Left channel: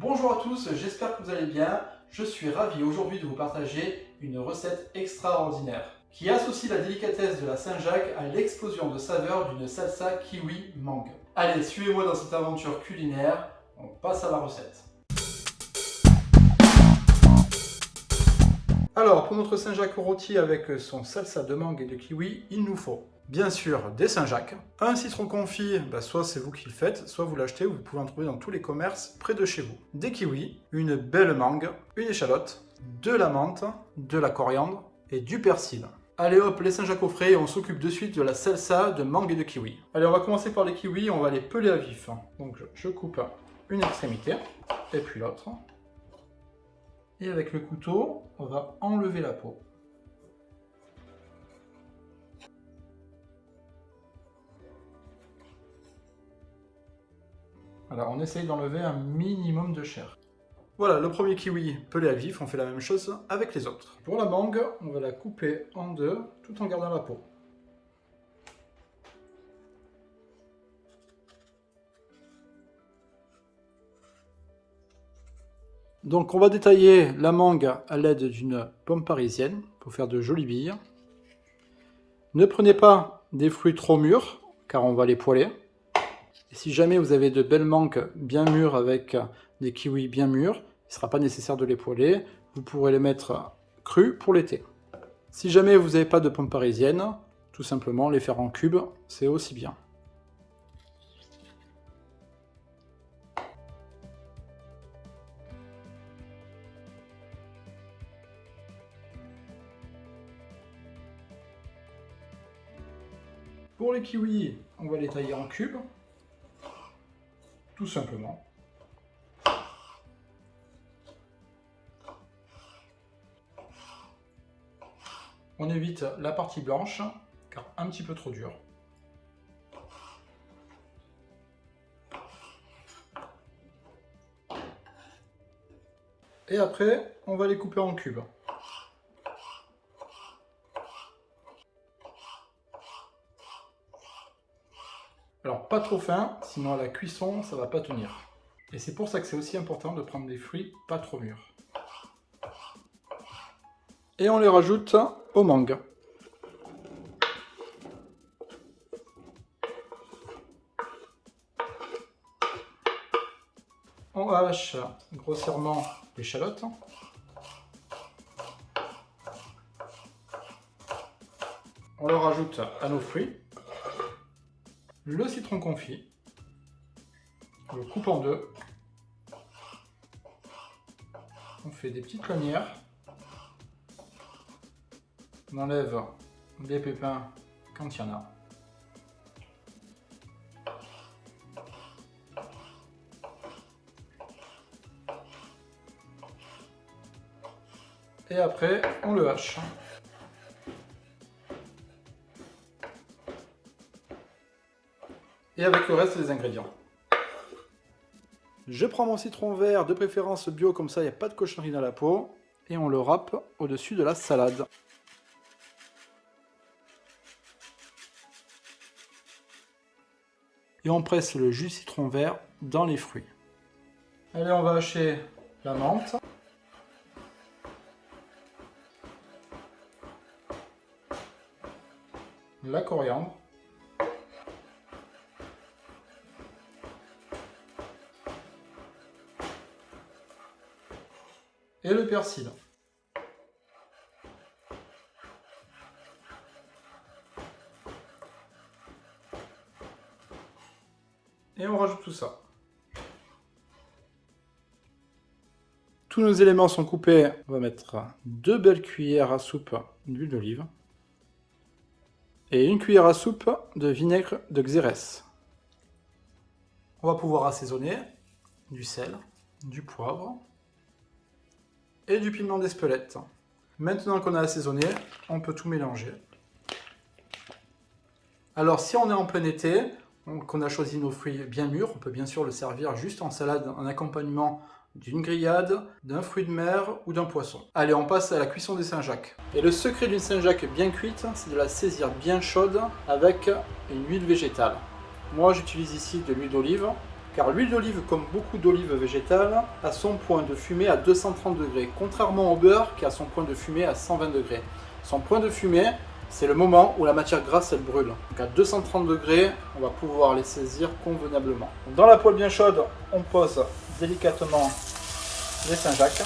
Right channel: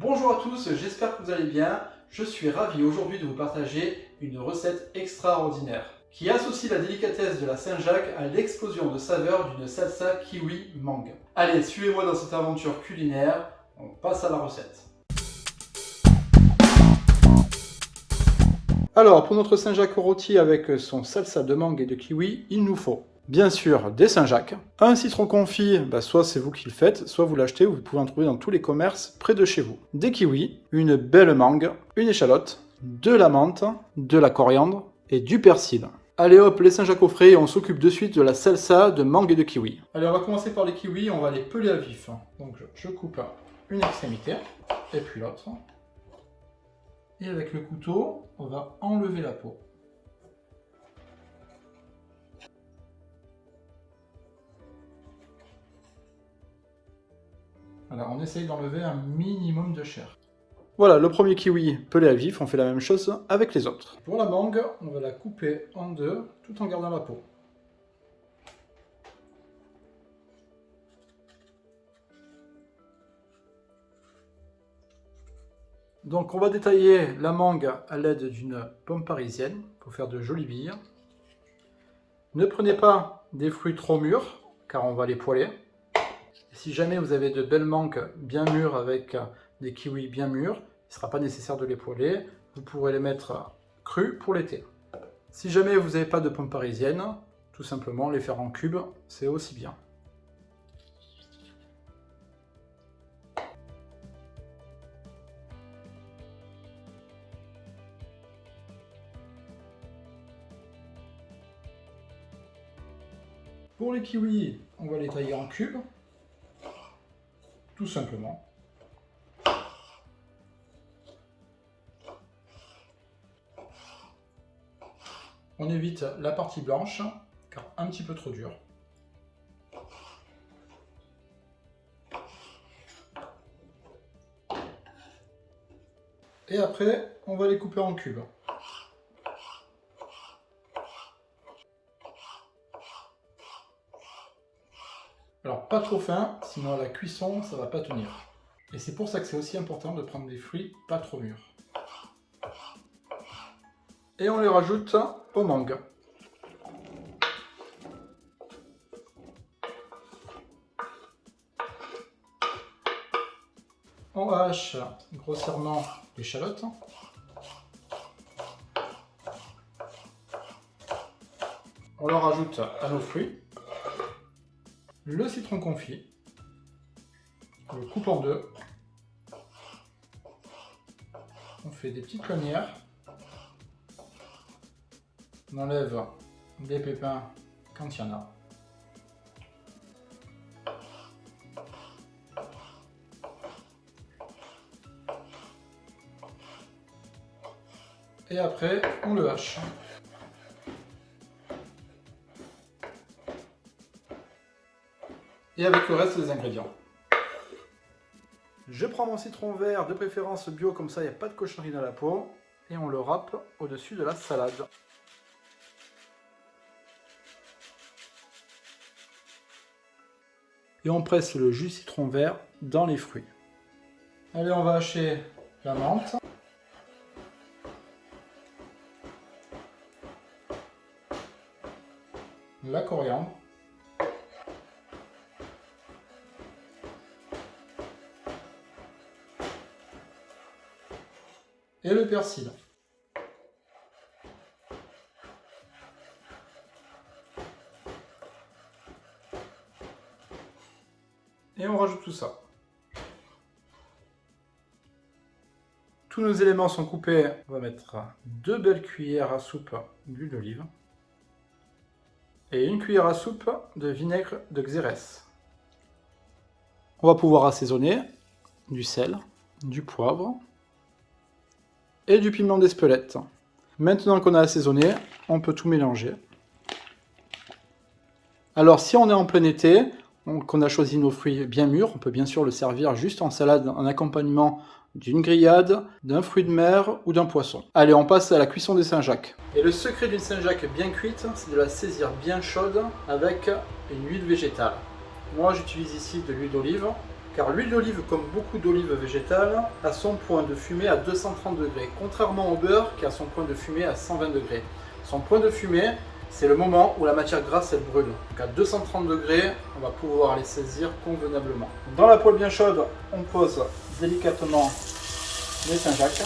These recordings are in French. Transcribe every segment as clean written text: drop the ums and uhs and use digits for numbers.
Bonjour à tous, j'espère que vous allez bien. Je suis ravi aujourd'hui de vous partager une recette extraordinaire qui associe la délicatesse de la Saint-Jacques à l'explosion de saveurs d'une salsa kiwi mangue. Allez, suivez-moi dans cette aventure culinaire, on passe à la recette. Alors, pour notre Saint-Jacques au rôti avec son salsa de mangue et de kiwi, il nous faut bien sûr des Saint-Jacques, un citron confit, soit c'est vous qui le faites, soit vous l'achetez, ou vous pouvez en trouver dans tous les commerces près de chez vous. Des kiwis, une belle mangue, une échalote, de la menthe, de la coriandre et du persil. Allez hop, les Saint-Jacques au frais et on s'occupe de suite de la salsa de mangue et de kiwi. Allez, on va commencer par les kiwis, on va les peler à vif. Donc je coupe une extrémité et puis l'autre. Et avec le couteau, on va enlever la peau. Voilà, on essaye d'enlever un minimum de chair. Voilà, le premier kiwi pelé à vif, on fait la même chose avec les autres. Pour la mangue, on va la couper en deux, tout en gardant la peau. Donc on va détailler la mangue à l'aide d'une pomme parisienne pour faire de jolies billes. Ne prenez pas des fruits trop mûrs, car on va les poêler. Et si jamais vous avez de belles mangues bien mûres avec des kiwis bien mûrs, il ne sera pas nécessaire de les poêler. Vous pourrez les mettre crus pour l'été. Si jamais vous n'avez pas de pommes parisiennes, tout simplement les faire en cubes, c'est aussi bien. Pour les kiwis, on va les tailler en cubes. Tout simplement. On évite la partie blanche, car un petit peu trop dure. Et après, on va les couper en cubes. Alors pas trop fin, sinon à la cuisson ça va pas tenir. Et c'est pour ça que c'est aussi important de prendre des fruits pas trop mûrs. Et on les rajoute aux mangues. On hache grossièrement l'échalote. On le rajoute à nos fruits. Le citron confit, on le coupe en deux, on fait des petites lanières, on enlève les pépins quand il y en a. Et après, on le hache. Et avec le reste des ingrédients. Je prends mon citron vert, de préférence bio, comme ça il n'y a pas de cochonnerie dans la peau, et on le râpe au-dessus de la salade. Et on presse le jus de citron vert dans les fruits. Allez, on va hacher la menthe. La coriandre. Et le persil. Et on rajoute tout ça. Tous nos éléments sont coupés. On va mettre 2 belles cuillères à soupe d'huile d'olive. Et 1 cuillère à soupe de vinaigre de xérès. On va pouvoir assaisonner du sel, du poivre et du piment d'Espelette. Maintenant qu'on a assaisonné, on peut tout mélanger. Alors si on est en plein été, qu'on a choisi nos fruits bien mûrs, on peut bien sûr le servir juste en salade en accompagnement d'une grillade, d'un fruit de mer ou d'un poisson. Allez, on passe à la cuisson des Saint-Jacques. Et le secret d'une Saint-Jacques bien cuite, c'est de la saisir bien chaude avec une huile végétale. Moi j'utilise ici de l'huile d'olive. Car l'huile d'olive, comme beaucoup d'olives végétales, a son point de fumée à 230 degrés, contrairement au beurre qui a son point de fumée à 120 degrés. Son point de fumée, c'est le moment où la matière grasse elle brûle. Donc à 230 degrés, on va pouvoir les saisir convenablement. Dans la poêle bien chaude, on pose délicatement les Saint-Jacques.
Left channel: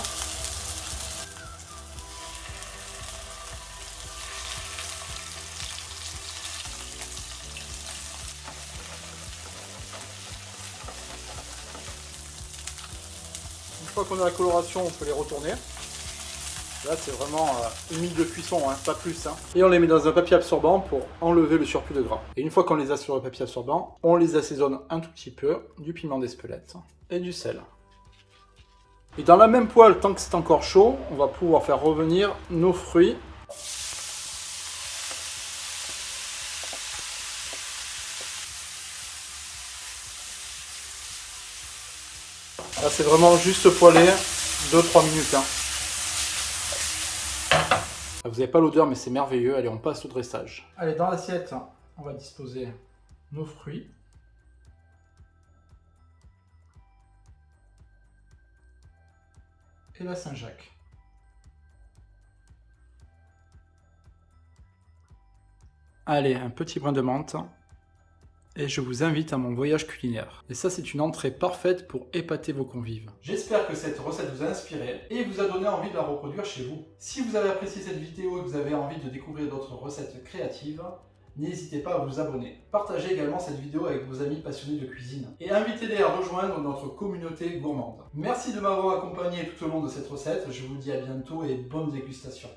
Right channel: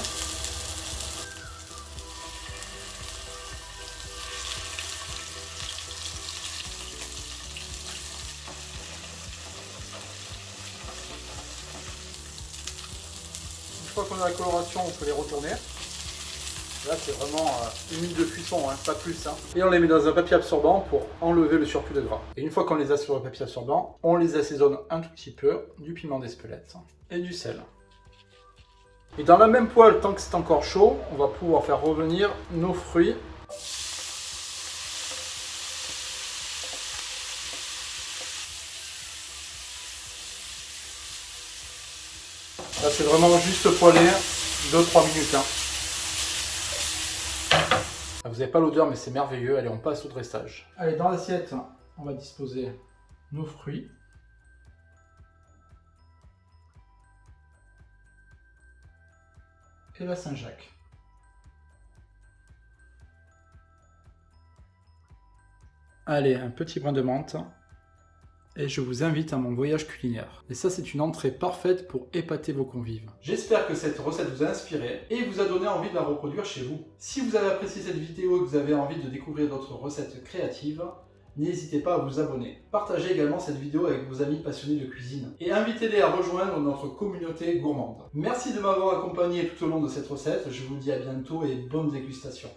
Une fois qu'on a la coloration, on peut les retourner. Là, c'est vraiment une minute de cuisson, hein, pas plus. Hein. Et on les met dans un papier absorbant pour enlever le surplus de gras. Et une fois qu'on les a sur le papier absorbant, on les assaisonne un tout petit peu, du piment d'Espelette et du sel. Et dans la même poêle, tant que c'est encore chaud, on va pouvoir faire revenir nos fruits. Là, c'est vraiment juste poêler 2-3 minutes. Hein. Vous n'avez pas l'odeur, mais c'est merveilleux. Allez, on passe au dressage. Allez, dans l'assiette, on va disposer nos fruits. Et la Saint-Jacques. Allez, un petit brin de menthe. Et je vous invite à mon voyage culinaire. Et ça, c'est une entrée parfaite pour épater vos convives. J'espère que cette recette vous a inspiré et vous a donné envie de la reproduire chez vous. Si vous avez apprécié cette vidéo et que vous avez envie de découvrir d'autres recettes créatives, n'hésitez pas à vous abonner. Partagez également cette vidéo avec vos amis passionnés de cuisine et invitez-les à rejoindre notre communauté gourmande. Merci de m'avoir accompagné tout au long de cette recette. Je vous dis à bientôt et bonne dégustation.